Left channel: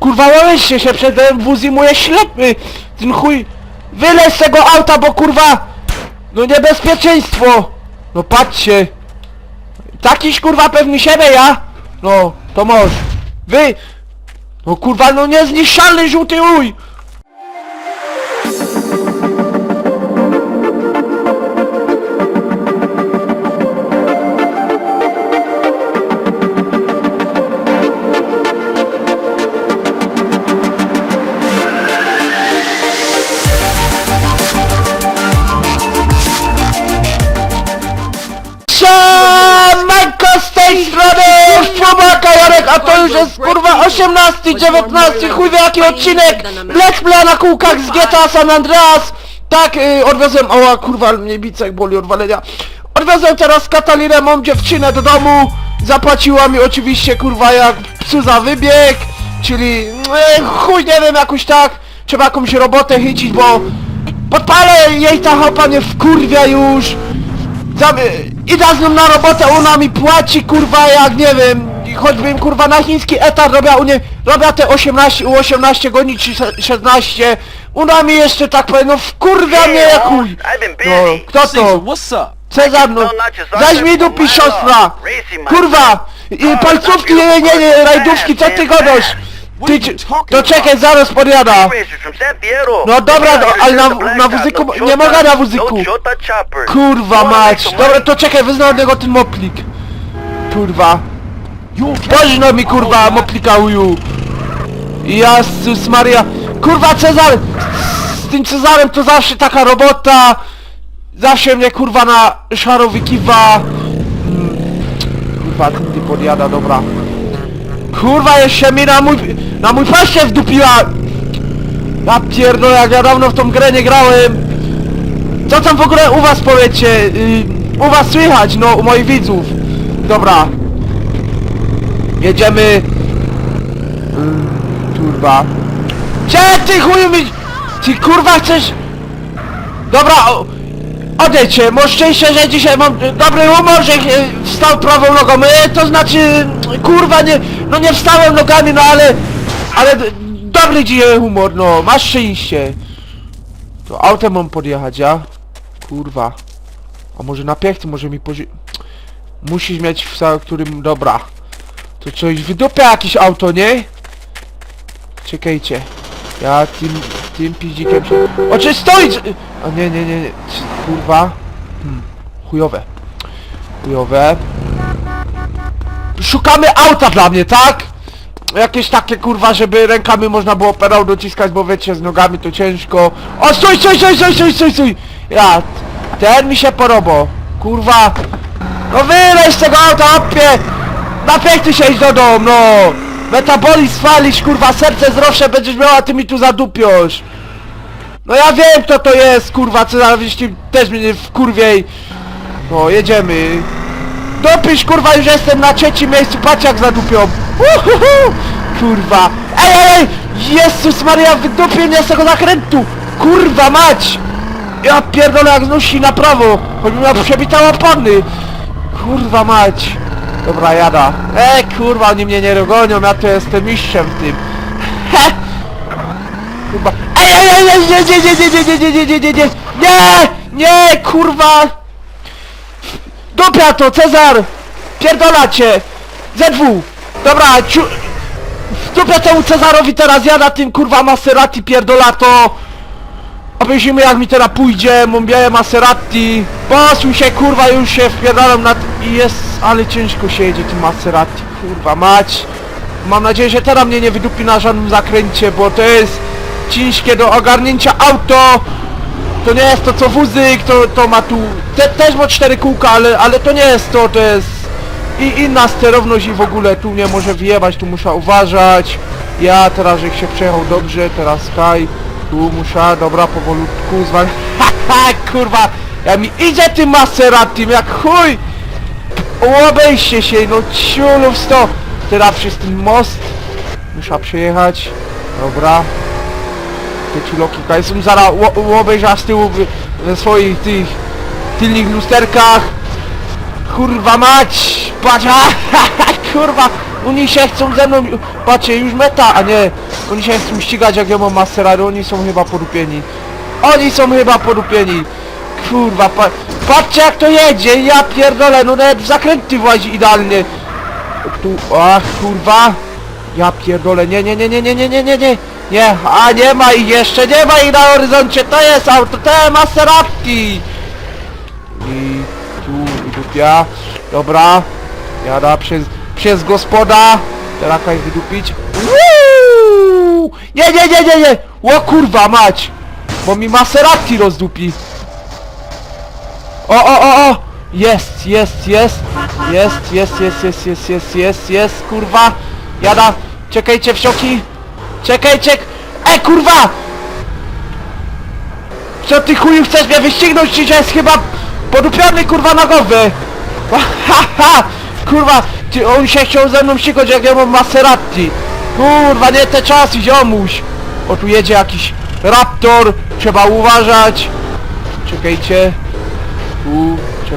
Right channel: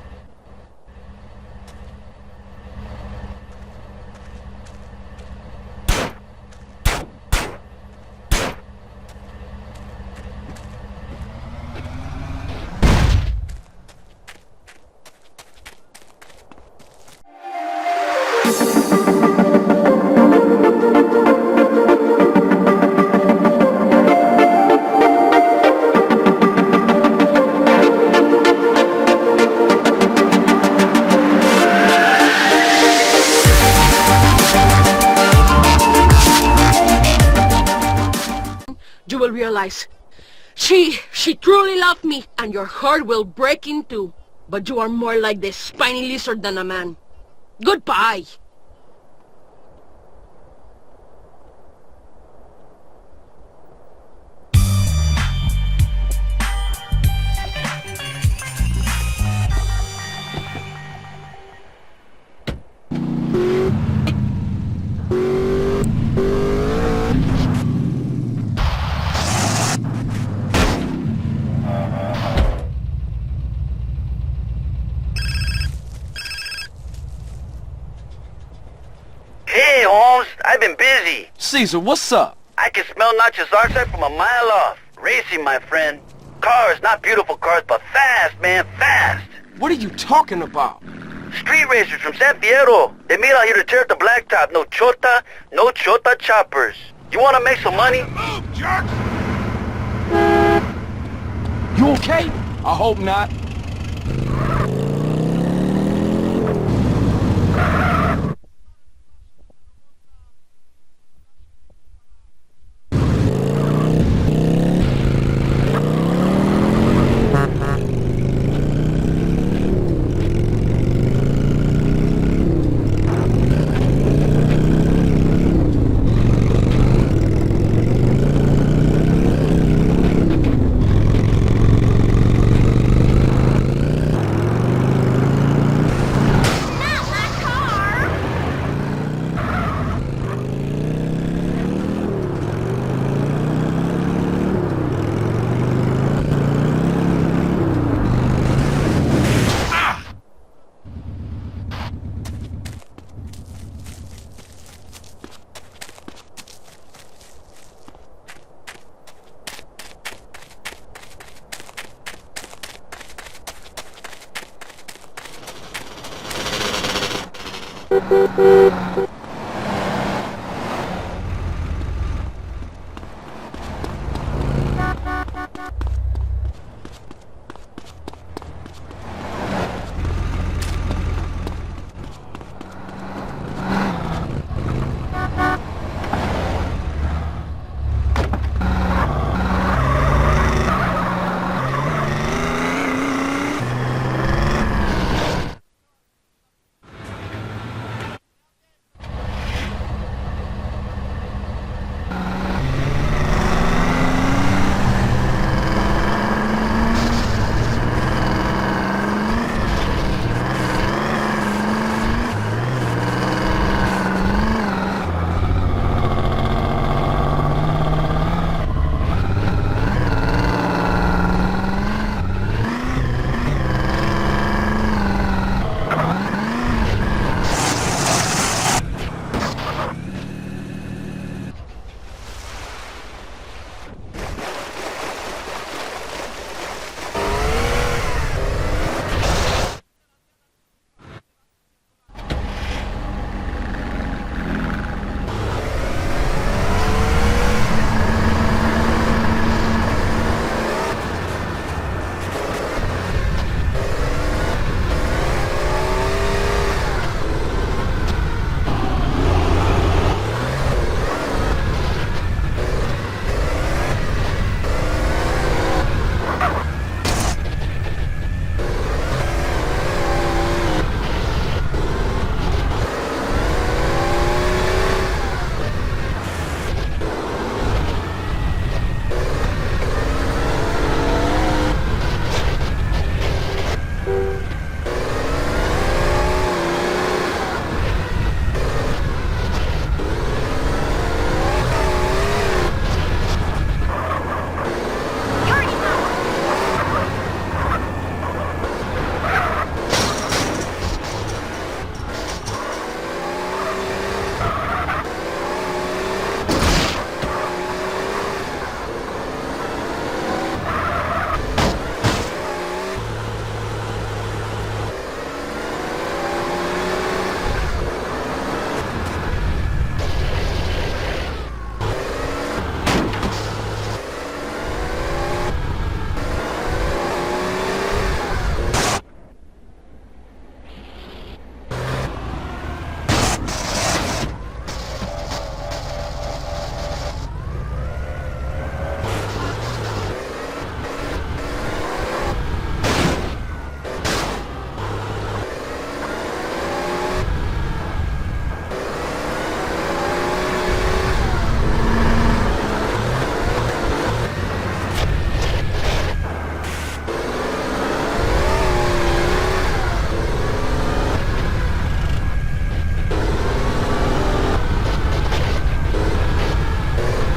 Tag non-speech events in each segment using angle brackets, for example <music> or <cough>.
Kurwa, łeście się przed wóz i moje ślepy! Ten chuj... Wylez z tego auta, bo kurwa... No niebezpieczeństwo! No patrzcie! Takiś kurwa pewny siebie ja! No, to może. Wy... No kurwa, no niezniszczalny żółty uj! A to już jest kurwa 18, 19, chuj wie jaki odcinek. Let's Play na kółkach z GTA San Andreas. Tak, yy, odwiozłem, oła kurwa, mnie bicek boli od walenia. Odwiozłem teraz Katalinę, mam dziewczynę do domu. Zapłaciła mi oczywiście kurwa jak psu za wybieg. Czyli, yy, chuj nie wiem, jakoś tak. Trzeba jakąś robotę chycić, bo Podpalę jej ta chopa mnie wkurwia już. Zam, idę z nią na robotę, ona mi płaci kurwa jak nie wiem Choćbym kurwa na chiński etat robiła u niej Robiła te 18, u 18 godzin czy se- 16 Ona mi jeszcze tak powiem, no wkurwia mnie jak chuj I've been no, busy. Kto Caesar, to? what's up? Cezar no Weź mi dupi siostra Kurwa I palcówki nie, nie, nie, rajdówki, co ty gadasz? What are Ty, you talking to czekaj, about? zaraz podjada. No dobra, here ale na- na wuzyku- No nie mogę na. No chopper. Kurwa mać, dobra to czekaj, od niego ten moplik Kurwa You okay? Woźno mi kurwa not. moplika uju Jezus Maria. Kurwa Cezar Z tym Cezarem to zawsze taka robota. Zawsze mnie kurwa na szarowi kiwa Kurwa mi podjada, dobra. Kurwa jeszcze mi na mój Na mój paście wdupiła. Ja pierdolę jak ja dawno w tą grę nie grałem. Co tam w ogóle u was powiecie? Y, U was słychać no u moich widzów. Dobra Jedziemy. Kurwa. Gdzie ty chuju mi Ty kurwa chcesz Dobra o, Odejdźcie, masz szczęście, że dzisiaj mam dobry humor, że wstał prawą nogą. Y, To znaczy Kurwa nie No nie wstałem nogami no ale Ale dobry dzisiaj humor no Masz szczęście. To autem mam podjechać ja? Kurwa. A może na piechty może mi pozi... Musisz mieć w którym... Dobra to coś wydupia jakieś auto, nie? Czekajcie. Ja tym, tym piździkiem się... O, czy stoi! A nie, nie, nie, nie. Kurwa. Hmm. Chujowe. Chujowe. Szukamy auta dla mnie, tak? Jakieś takie kurwa, żeby rękami można było pedał dociskać, bo wiecie, z nogami to ciężko. O, stój, stój, stój, stój, stój, stój, stój! Ja, ten mi się porobo. Kurwa. No wyleź z tego auta, opie! Napiękny się iść do domu, no! Metabolizm swalisz, kurwa, serce zdrowsze będziesz miała, ty mi tu zadupiosz! No ja wiem kto to jest, kurwa, co za jeśli też mnie nie wkurwiej. No, jedziemy. Dopisz, kurwa, już jestem na trzecim miejscu, patrz jak zadupią. Uhuhu! Kurwa. Ej, ej, ej! Jezus Maria, wydupię mnie z tego zakrętu! Kurwa mać! Ja pierdolę jak znosi na prawo, choć miała przebita opony. Kurwa mać. Dobra, jada. E, kurwa, oni mnie nie dogonią, ja to jestem mistrzem w tym. He! Kurwa. Ej, ej, ej, ej, nie, nie, nie, nie, nie, nie, nie, nie, nie, nie, nie, kurwa. Dupia to, Cezar. Pierdola cię. ZW. Dobra, ciu... Dupia temu Cezarowi teraz jada tym kurwa Maserati pierdolato. Obejrzymy jak mi teraz pójdzie, białe Maserati. Posuń się kurwa, już się wpierdalam na... i jest, ale ciężko się jedzie tym Maserati, kurwa mać. Mam nadzieję, że teraz mnie nie wydupi na żadnym zakręcie, bo to jest ciężkie do ogarnięcia auto. To nie jest to co wózyk, to, to ma tu... Te, też ma cztery kółka, ale, ale to nie jest to, to jest... I inna sterowność i w ogóle tu nie może wyjebać, tu muszę uważać. Ja teraz jak się przejechał dobrze, teraz Sky, tu muszę, dobra, powolutku zwań. <laughs> Ha, ha, kurwa! Ja mi idzie tym Maseratim, jak chuj! Obejście się, no ciulów sto! Teraz przez ten most. Muszę przejechać. Dobra. Te ciuloki, jestem zaraz obejrzał z tyłu ze swoich tych tylnych lusterkach. Kurwa mać! Patrz, kurwa! Oni się chcą ze mną... Patrzcie, już meta, a nie... Oni się chcą ścigać jak ja mam oni są chyba podupieni. Oni są chyba podupieni. Kurwa, pa patrzcie jak to jedzie, ja pierdolę, no nawet w zakręty włazi idealnie. Ach kurwa. Ja pierdolę, nie, nie, nie, nie, nie, nie, nie, nie, nie. Nie, a nie ma ich jeszcze, nie ma ich na horyzoncie, to jest auto, te Maserati. I tu, ja, dobra. Jada przez, przez gospoda. Teraz jak wydupić. Nie, nie, nie, nie, nie! O kurwa mać! Bo mi Maserati rozdupi. O, o, o, o! Jest, jest, jest! Jest, jest, jest, jest, jest, jest, jest, jest, kurwa! Jada! Czekajcie wsioki! Czekajcie! E, kurwa! Co ty chuju chcesz mnie wyścignąć, czy jest chyba podupiony kurwa na głowę? <laughs> Ha, ha! Kurwa, ty, on się chciał ze mną ścigać jak ja mam Maserati. Kurwa, nie te czasy, ziomuś. O, tu jedzie jakiś Raptor, trzeba uważać. Czekajcie.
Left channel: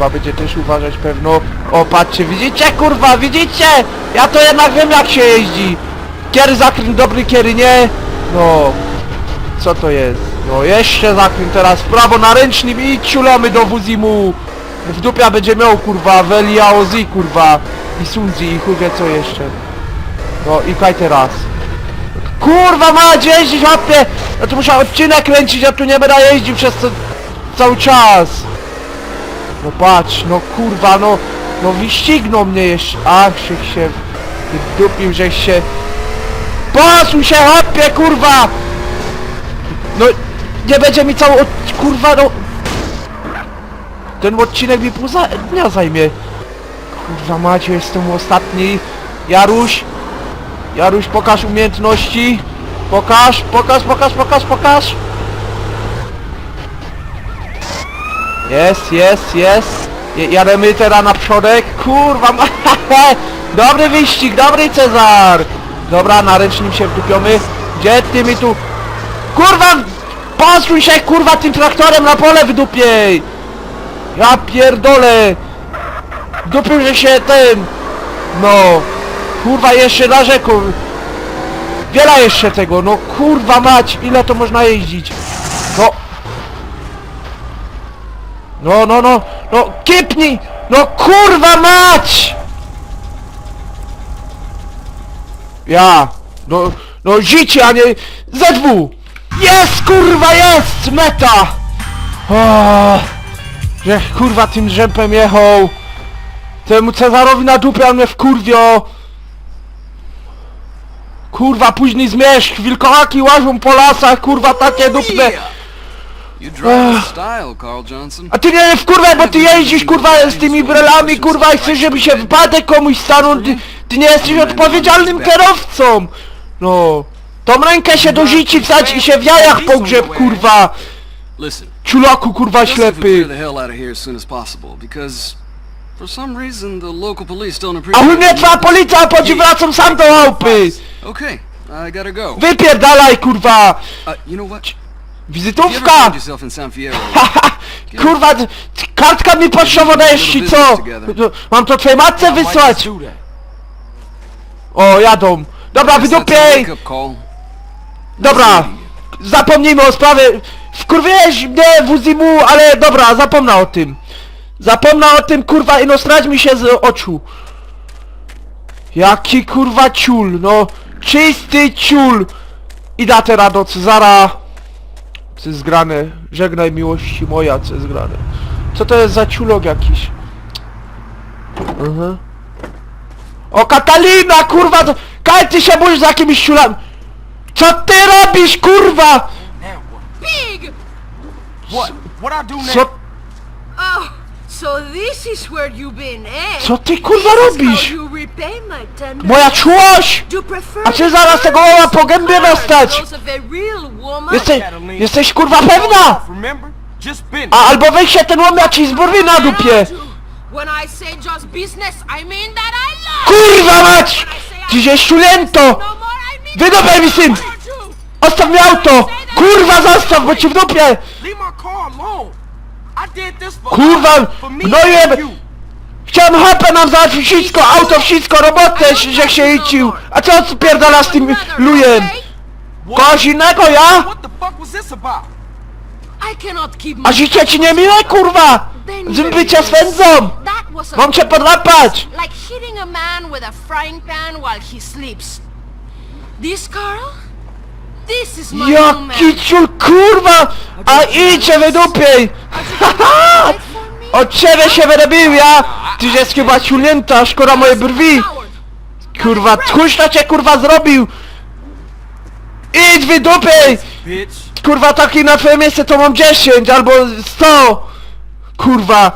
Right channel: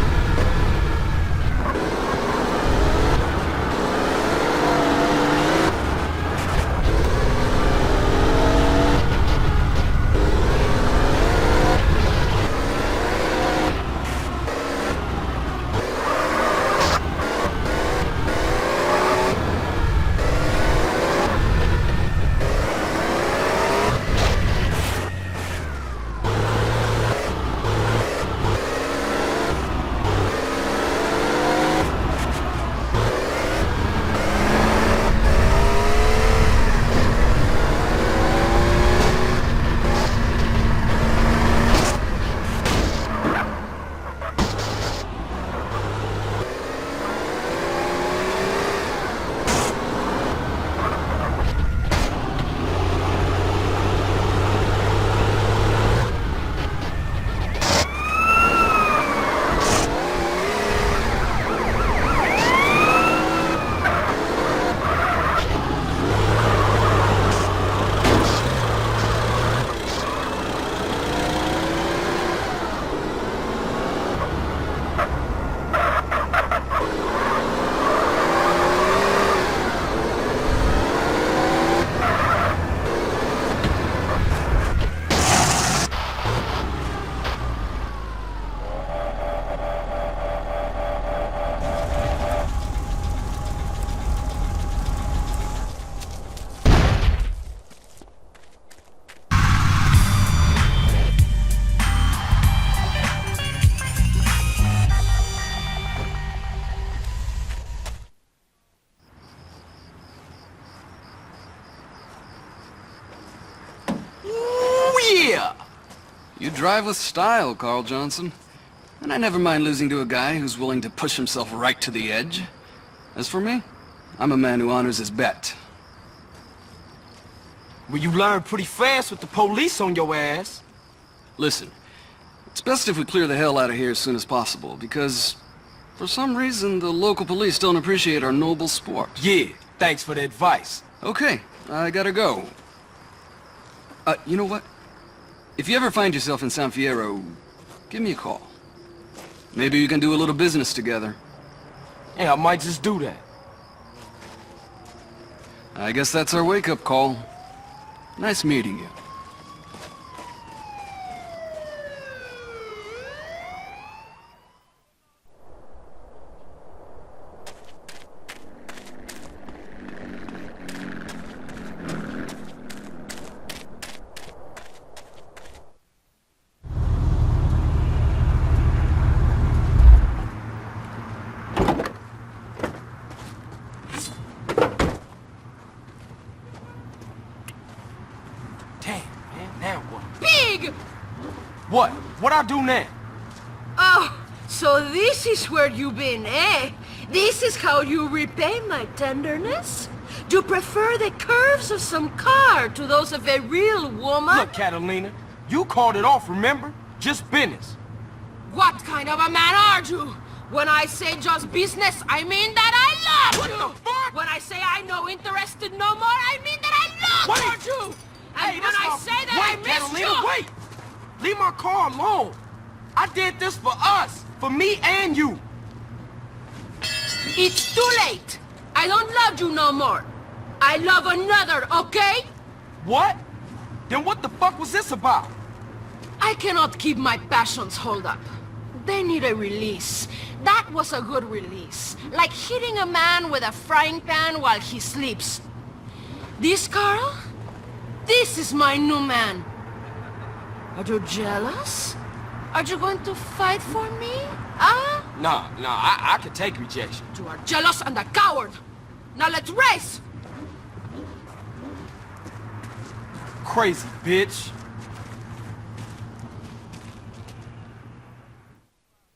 Trzeba będzie też uważać pewno. O, patrzcie, widzicie, kurwa, widzicie? Ja to jednak wiem jak się jeździ. Kiery zakręt dobry, kiery nie. No, co to jest? No jeszcze zakręt teraz prawo na ręcznik i ciulamy do Buzimu. W dupia będzie miał kurwa, Velia Ozi kurwa. I Sunzi i chuj co jeszcze. No i kaj teraz. Kurwa ma jeździć łapie! Ja tu musiał odcinek kręcić, ja tu nie będę jeździł przez to, cały czas. Patrz, no kurwa, no, no wyścignął mnie jeszcze. Ach, się się, dupił, żeś się. Posuń się, hopie, kurwa! No, nie będzie mi cały, od- kurwa, no... Ten odcinek mi pół dnia zajmie. Kurwa macie, jestem ostatni. Jaruś, Jaruś, pokaż umiejętności. Pokaż, pokaż, pokaż, pokaż, pokaż. Jest, jest, jest. Je- Jademy teraz na przodek. Kurwa, ma- <laughs> dobry wyścig, dobry Cezar. Dobra, na ręcznym się wkupiony. Gdzie ty mi tu... Kurwa, posuń się kurwa tym traktorem na pole w dupie. Ja pierdolę. Dupił że się tym. No. Kurwa jeszcze na rzeku. Wiele jeszcze tego, no kurwa mać, ile to można jeździć? No. No, no, no, no, kipnij! No kurwa mać! Ja, no, no życie, a nie ZW! Jest, kurwa, jest! Meta! O, że kurwa tym rzępem jechał! Temu Cezarowi na dupę, on mnie wkurwio! Kurwa, później zmierzch, wilkołaki łażą po lasach, kurwa, takie dupne! You drive with style, Carl Johnson. A ty nie wkurwaj, bo ty jeździsz kurwa z tymi brelami kurwa i chcesz żeby się wypadek komuś stanął, ty, ty nie jesteś odpowiedzialnym kierowcą! No. Tą rękę się do życi wsadź i się w jajach pogrzeb kurwa! Listen, Czulaku kurwa just if we clear ślepy! the hell out of here as soon as possible, because for some reason the local police don't A appreciate u mnie twoja policja, a potem wracam sam do chałupy! Okay, I gotta go. Wypierdalaj kurwa! Uh, you know what? If you ever Wizytówka! find yourself in San Fierro, <laughs> Haha! Kurwa, kartka mi potrzebna Maybe we can jest do a ci little co? To- Mam to twojej matce wysłać! O, jadą! Dobra, I guess that's a wydupiej! wake-up call. Nice Dobra, meeting you. zapomnijmy o sprawie. Wkurwiłeś mnie Wuzimu, ale dobra, zapomnę o tym. Zapomnę o tym, kurwa, i no strać mi się z oczu. Jaki kurwa ciul, no. Czysty ciul. I da teraz do Cezara. Co jest zgrane? Żegnaj miłości moja, co jest zgrane. Co to jest za ciulok jakiś? Mhm. O, Katalina, kurwa, to... Kaj, ty się boisz za jakimiś ciulami. Co ty robisz, kurwa? Pig! What? What I do Co, now? Oh, so this is where you've been, eh? Co ty, kurwa, this is how robisz? you repay my tender. moja czułość! Do you prefer A czy the zaraz tego łała po of gębie cards, dostać? those of a real woman? Jesteś, kurwa pewna? off, remember? Just been. A albo weź się ten łomia ci zburwi na dupie! When I say just business, I mean that I love Kurwa mać! When I say I Dziś jest don't szulento! listen no more, I mean Wydobaj mi syn! Odstaw mi auto! Kurwa zastaw, bo ci w dupie! Leave my car alone. Kurwa, gnojem! Chciałem hopę nam załatwić wszystko, auto, wszystko, robotę, że się jeździł! A co spierdala z tym lujem? Kogoś innego, ja? A życie ci nie miłe, kurwa! Z bycia swędzą! Mam cię podłapać! A a. This Carl? This is my new man. Jaki ciul, kurwa! A idźcie wydupiej! Are you going to fight for me? Od ciebie się wyrobił ja! Tyś jest chyba ciulnięta, szkoda mojej brwi! Kurwa, tchórz to cię kurwa zrobił! Idź wydupiej! Bitch. Kurwa, taki na twoje miejsce to mam 10 albo 100! Kurwa!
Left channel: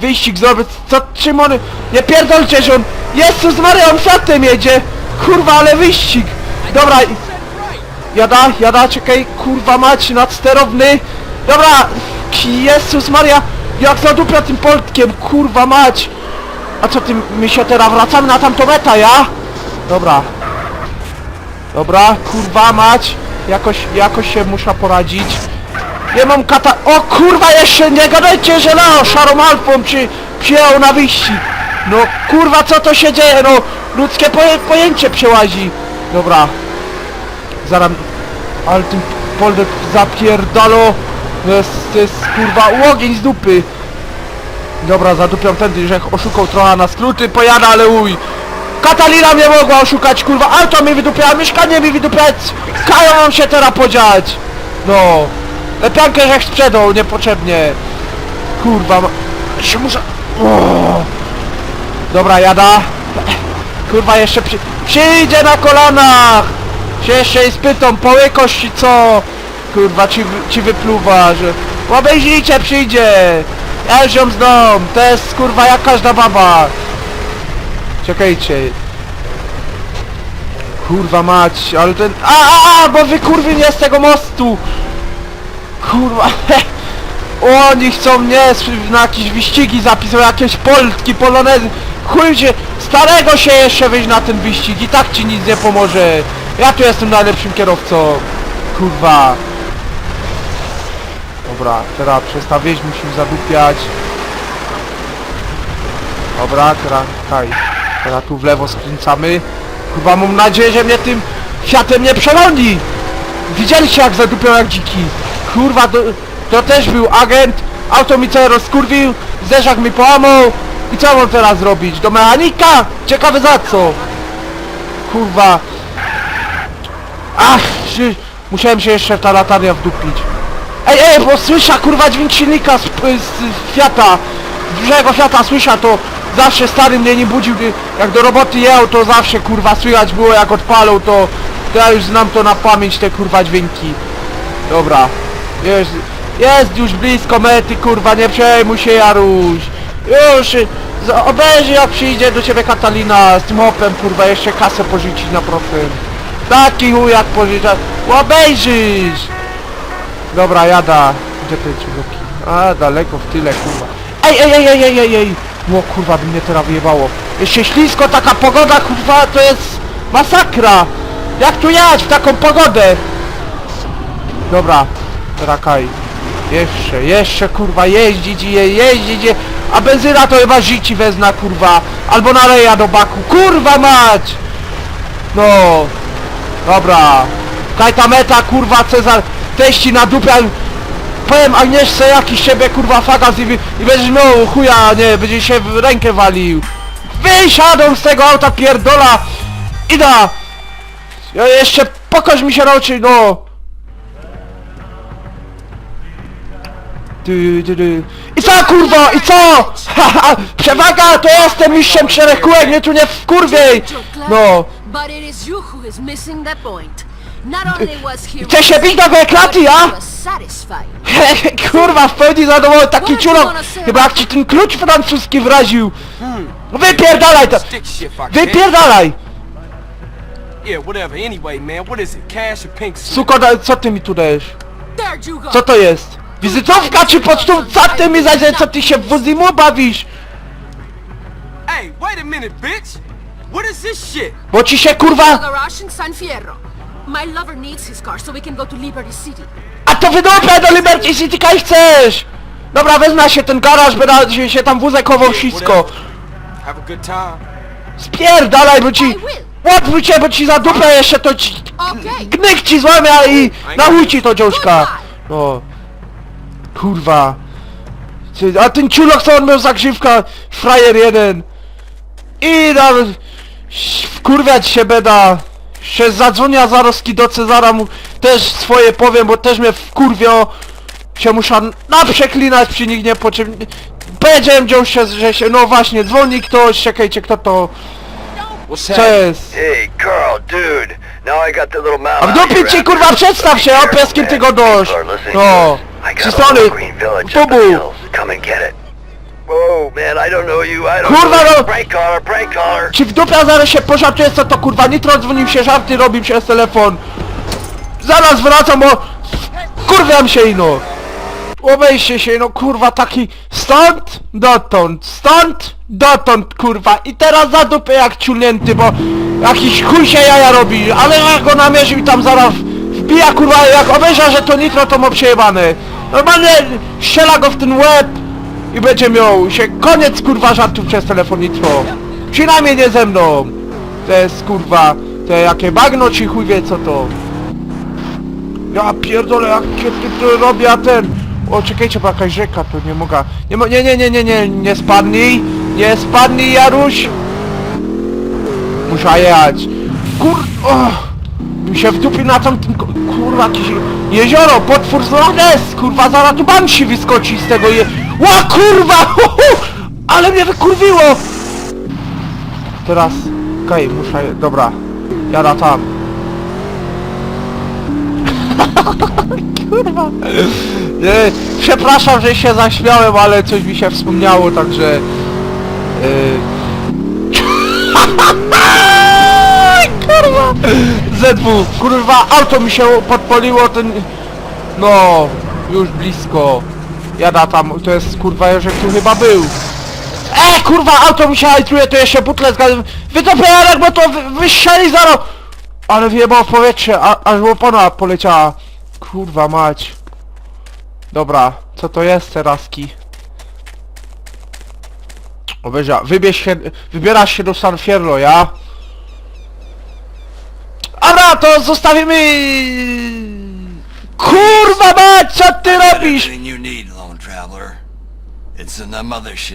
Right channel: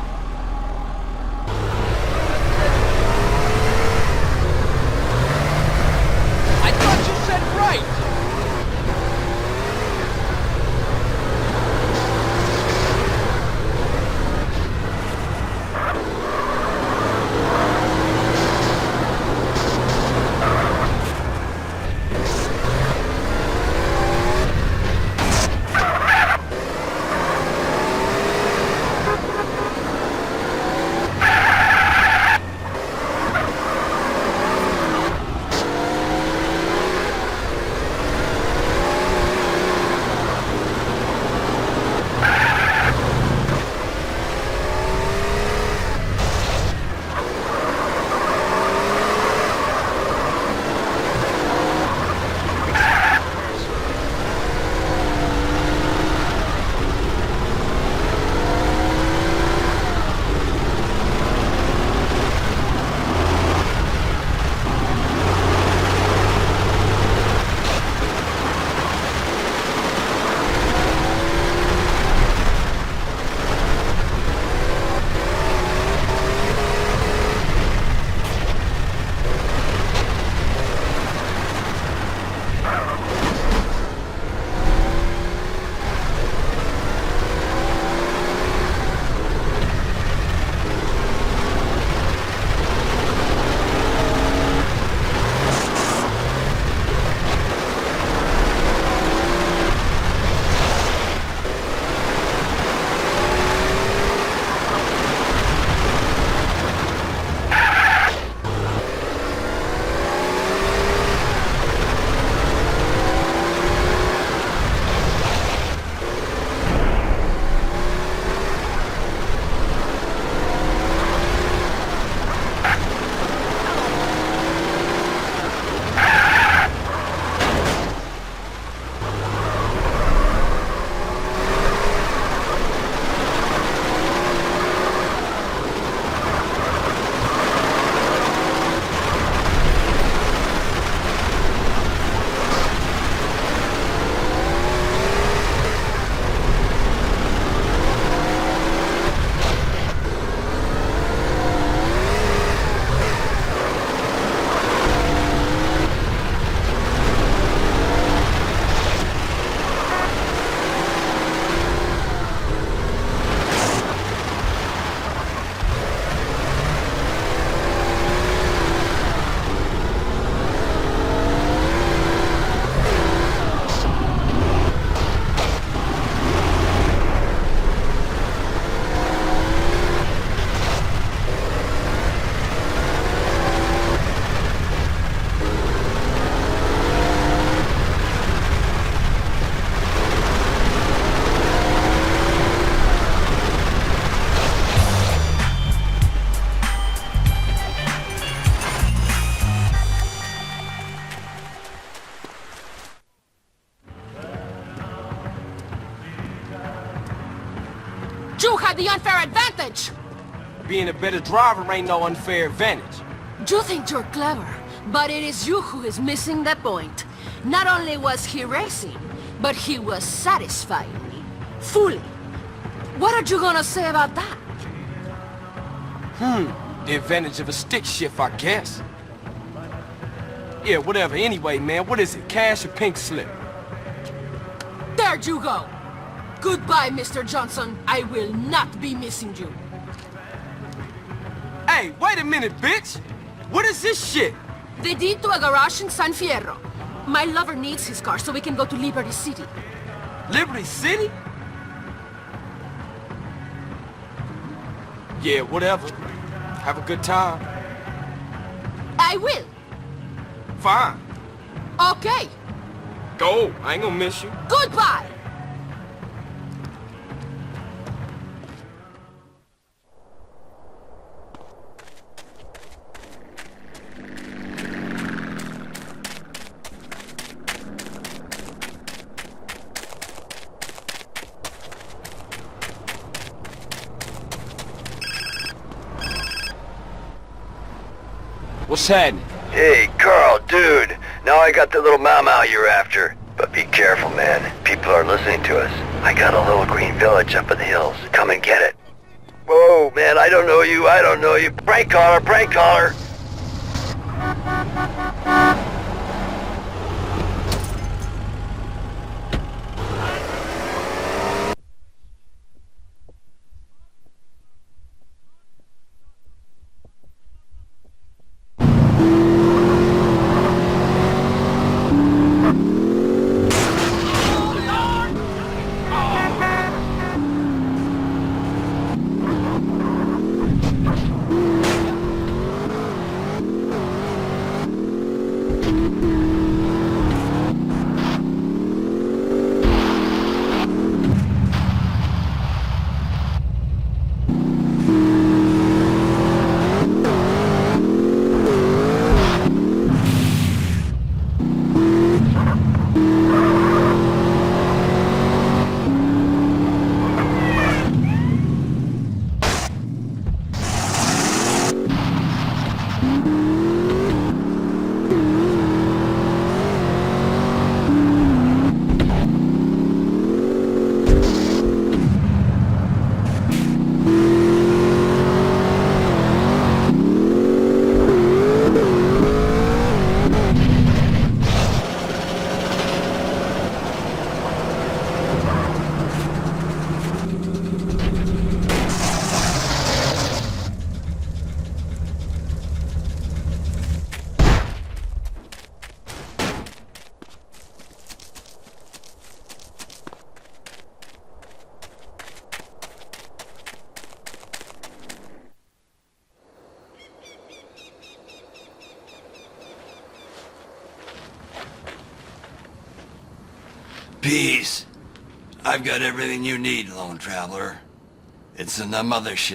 Wyścig zrobię, co, czym on... Nie pierdolcie, że on... Jezus Maria, on Fiatem jedzie! Kurwa, ale wyścig! Dobra, jada, jada, czekaj, kurwa mać, nadsterowny! Dobra! Jezus Maria! Jak zadupia tym Poltkiem, kurwa mać! A co ty, my się teraz wracamy na tamtą metę, ja? Dobra. Dobra, kurwa mać! Jakoś, jakoś się muszę poradzić. Nie mam kata... O kurwa, jeszcze nie gadajcie, że no, szarą alfą czy przyjechał na wyścig. No kurwa, co to się dzieje, no? Ludzkie poje, pojęcie przełazi. Dobra. Zaraz... Ale ty Polek zapierdalo. To jest, to jest kurwa łogień z dupy. Dobra, zadupiam tędy, że oszukał trochę na skróty, pojada, ale uj. Katalina mnie mogła oszukać, kurwa, auto mi wydupiała, mieszkanie mi wydupiać. Kają mam się teraz podziać. No. Lepiankę żech sprzedał, niepotrzebnie. Kurwa, się muszę... Dobra, jada. Kurwa, jeszcze przy... przyjdzie na kolanach. Się jeszcze i spytą, połykość ci co? Kurwa, ci, ci wypluwa, że... Obejrzyjcie, przyjdzie. Elziom z dom, to jest kurwa jak każda baba. Czekajcie. Kurwa mać, ale ten... A, a, a, bo wy kurwy nie z tego mostu. Kurwa, Oni chcą mnie na jakieś wyścigi zapisywać, jakieś polski, polonezy. Chuj się, starego się jeszcze wyjść na ten wyścig i tak ci nic nie pomoże. Ja tu jestem najlepszym kierowcą. Kurwa. Dobra, teraz przestawić musimy zadupiać. Dobra, teraz tutaj. Teraz tu w lewo skręcamy. Chyba mam nadzieję, że mnie tym Fiatem nie przegoni. Widzieliście jak zadupiał jak dziki. Kurwa, to, to też był agent. Auto mi całe rozkurwił. Zderzak mi połamał. I co mam teraz zrobić? Do mechanika? Ciekawe za co. Kurwa. Ach, szy- musiałem się jeszcze w ta latarnia wdupić. Ej, ej, bo słysza kurwa dźwięk silnika z, z, z Fiata. Z dużego Fiata słysza to zawsze stary mnie nie budził, jak do roboty jechał to zawsze kurwa słychać było jak odpalał to, to ja już znam to na pamięć te kurwa dźwięki. Dobra, jest, jest już blisko mety kurwa, nie przejmuj się Jaruś. Już, obejrzyj jak przyjdzie do ciebie Katalina z tym opem kurwa jeszcze kasę pożyczyć na profil. Taki chuj jak pożyczać, obejrzysz! Dobra, jada. A, daleko, w tyle. Ej, ej, ej, ej, ej, ej, ej. O kurwa, by mnie teraz wyjebało. Jeszcze ślisko, taka pogoda, kurwa, to jest masakra. Jak tu jechać w taką pogodę? Dobra, rakaj. Jeszcze, jeszcze, kurwa, jeździć i je, jeździć je. A benzyna to chyba życi wezna, kurwa. Albo naleja do baku. Kurwa mać! No, dobra. Daj ta meta, kurwa, Cezar. Teści na dupę. Powiem Agnieszce jakiś siebie, kurwa, fagas i, i będziesz no chuja, nie, będzie się w rękę walił. Wysiadą z tego auta pierdola. Ida. Ja jeszcze pokaż mi się raczej, no. Ty, ty, ty. I co kurwa, i co? Haha, Przewaga, to jestem mistrzem szerekułem, mnie tu nie wkurwiej! No. But it is you who is missing the point. Not only was he Chcesz się bić do klaty, but he ja? was satisfied. Kurwa, w pełni zadowolony, taki ciulok! Chyba jak ci ten klucz francuski wraził! Hmm. Wypierdalaj to! Stick shit if I can. Wypierdalaj! Yeah, whatever. Anyway, man, what is it? Cash or pink slip? Suko, da- co ty mi tu dajesz? There you go. Co to jest? Wizytówka czy pocztówka? Co ty mi zajdzie, co ty się w Wuzimu bawisz? Hey, wait a minute, bitch. What is this shit? Bo ci się kurwa... garage in San Fierro. My lover needs his car so we can go to Liberty City. A to wydupę do Liberty City kaj chcesz! Dobra, wezmę się ten garaż, będę się, tam wózek chował Yeah, wszystko. Have a good time. Spierdalaj, bo ci... I will. Odwróć się, bo ci za dupę jeszcze to ci... Okay. Gnyk ci złamia i na ci to dziążka. Goodbye. Kurwa. A ten ciulok co on miał za grzywka? Frajer jeden. I nawet... Wkurwiać się beda. Się zadzwonia zaroski do Cezara mu też swoje powiem, bo też mnie wkurwio. Się muszę naprzeklinać przy nich nie po czym... Powiedziałem dziążkę, że się... No właśnie, dzwoni ktoś, czekajcie kto to... What's Cześć. Hey, Carl, dude. Now I got the little mama A out here ci after kurwa przedstaw się, pieskim man. ty go dość. People are listening to No. us. I got a little green village up in the Bubu. hills. Come and get it. Whoa, man, I don't know you. I don't Kurwa, know you. no. Prank caller, prank caller. Ci w dupia zaraz się pożartuje co to kurwa Nitro dzwonił się żarty robił przez telefon Zaraz wracam bo Kurwiam się ino Obejście się no kurwa taki Stąd dotąd Stąd dotąd kurwa. I teraz za dupę jak ciulnięty bo Jakiś chuj się jaja robi. Ale jak go namierzył tam zaraz Wbija kurwa jak obejrza że to Nitro to ma przejebane. Normalnie strzela go w ten łeb i będzie miał się koniec kurwa żartów przez telefon Nitro Przynajmniej nie ze mną. To jest kurwa Te jakie bagno ci chuj wie co to. Ja pierdolę jak się robi a ten O czekajcie bo jakaś rzeka to nie mogę Nie nie nie nie nie nie nie spadnij Nie spadnij Jaruś Muszę jechać Kur... O, mi się wdupił na tamtym kurwa jakieś jezioro, potwór z Loch Ness, kurwa zaraz tu banshee wyskoczy z tego je... Ła kurwa! <laughs> Ale mnie wykurwiło! Teraz, okej, muszę, dobra, jada tam. <laughs> kurwa. Nie, przepraszam, że się zaśmiałem, ale coś mi się wspomniało, także... Ej, <laughs> kurwa! ZW, kurwa, auto mi się podpaliło, ten... No, już blisko. Jada tam, to jest kurwa, że tu chyba był. E, kurwa, auto mi się hajtruje, to jeszcze butle zgadzam. Wytopię Jarek, bo to wy, wystrzeli zaraz! Ale wyjebało powietrze, a, aż łopona poleciała. Kurwa mać. Dobra, co to jest teraski? Obejrza, wybierz się, wybierasz się do San Fierro, ja? Dobra, to zostawimy... Kurwa mać, co ty robisz? everything you need, lone traveler. It's in the mothership.